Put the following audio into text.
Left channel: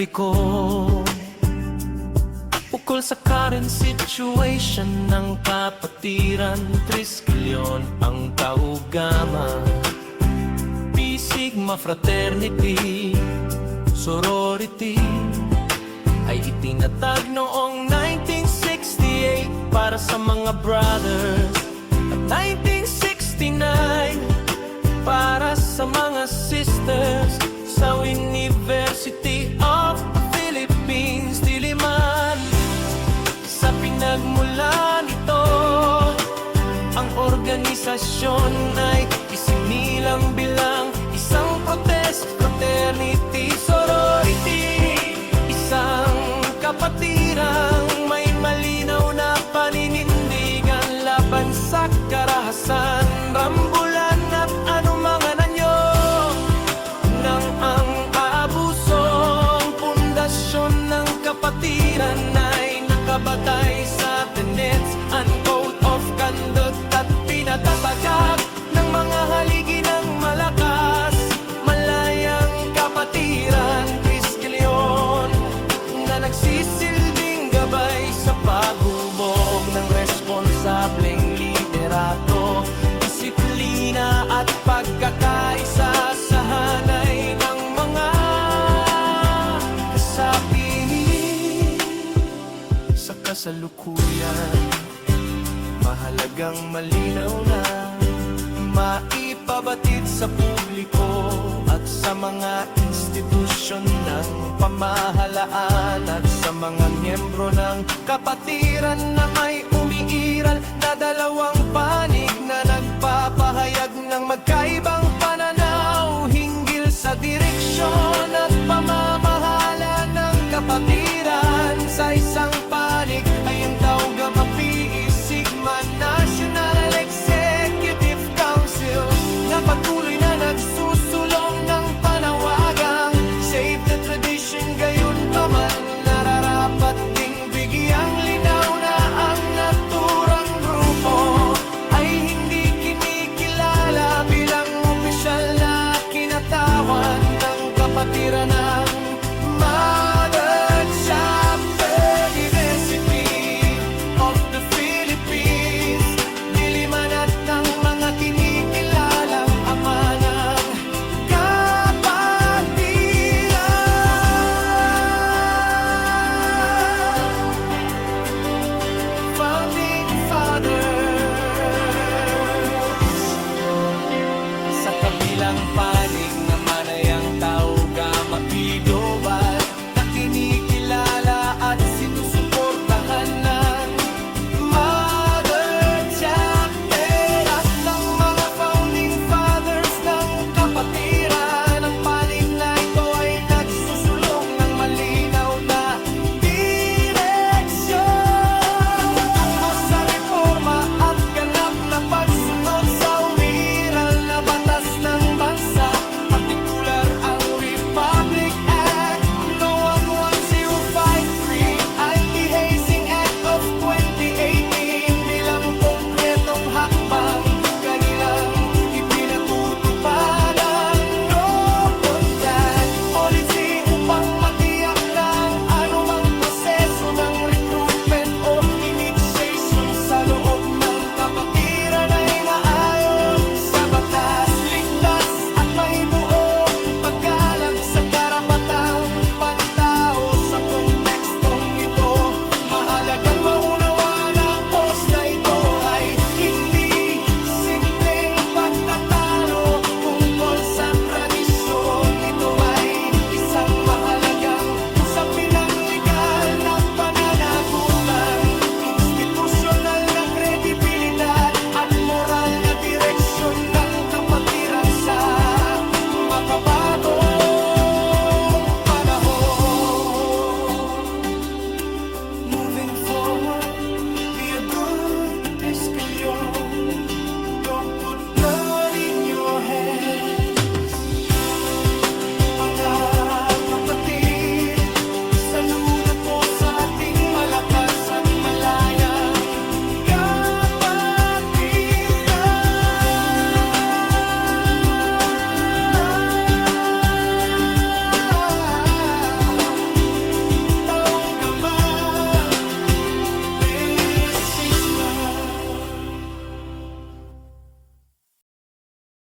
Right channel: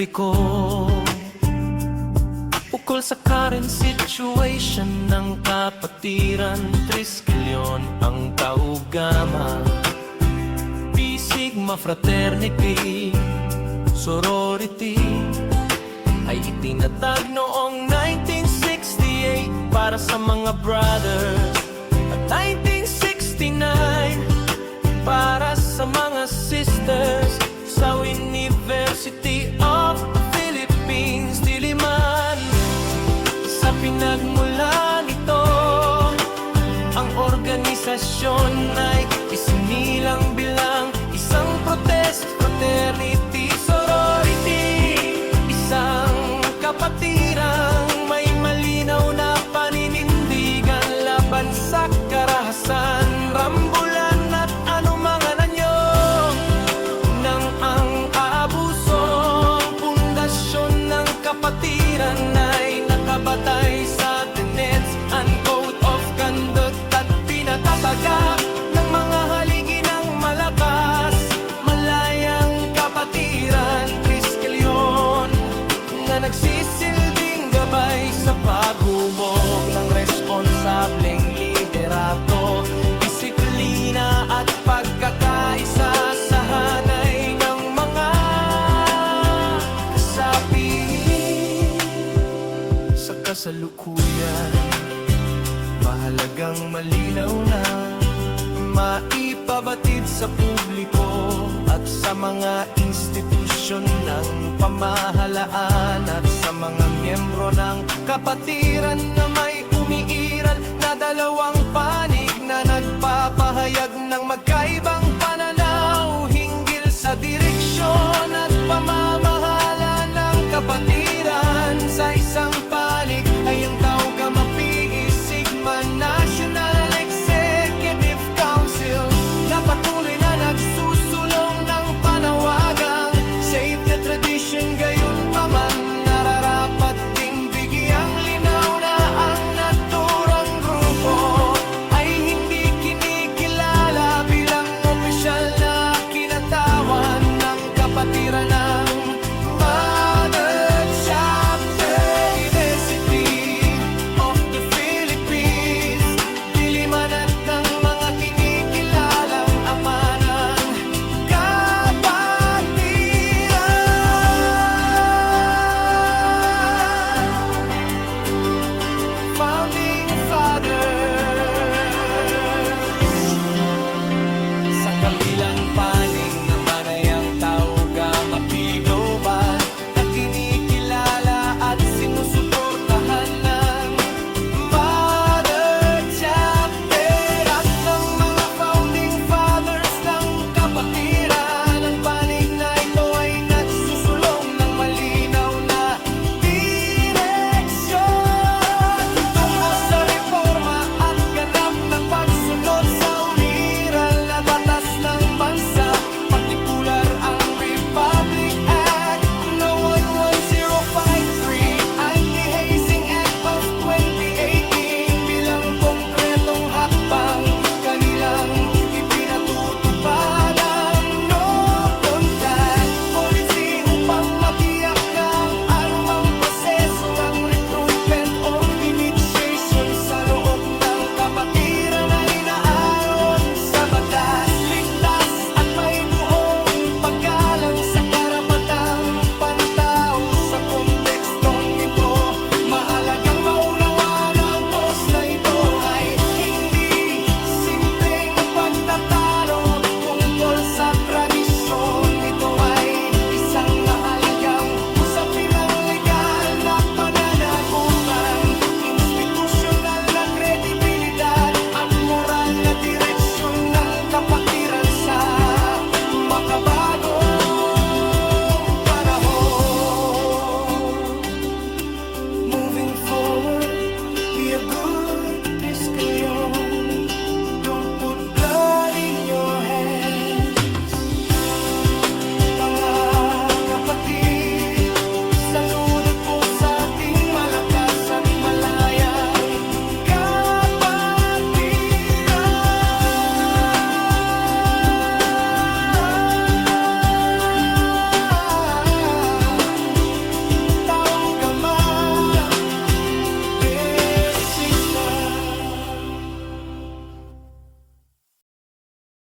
publiko ukol sa current situation ng kapatiran. Triskelion ang kaugama, Pi Sigma Fraternity Sorority ay itinatag noong 1968 para sa mga brothers, at 1969 para sa mga sisters. Sa University of the Philippines, Diliman, sa pinagmulan nito, ang organisasyon ay isinilang bilang isang protest fraternity sorority, isang kapatirang may malinaw na paninindigan laban sa karahasan, rambulan at anumang anyo ng ang aabusong. Pundasyon ng kapatiran ay nakabatay sa tenets and code of conduct at pinatatagak ng mga haligi ng malakas. Malayang kapatiran, Triskelion, na nagsisilbing gabay sa paghubog ng responsableng liderato, disiplina at pagkakaisa sa hanay ng mga kasapi. Sa kasalukuyan, mahalagang malinaw na maipabatid sa publiko at sa mga institusyon ng pamahalaan at sa mga miyembro ng kapatiran na may umiiral na dalawang panig na nagpapahayag ng magkaibang pananaw hinggil sa direksyon at pamamahala ng kapatiran. Sa isang panig ay ang Taugama Pi Sigma National Executive Council na patuloy na nagsusulong ng panawagang save the tradition. Gayon pa man, nararapat ding bigyang linaw na ang naturang grupo ay hindi kinikilala bilang opisyal na kinatawan ng kapatiran ng Mother Chapter University of the Philippines, Diliman at ng mga kinikilalang ama ng kapatiran. Founding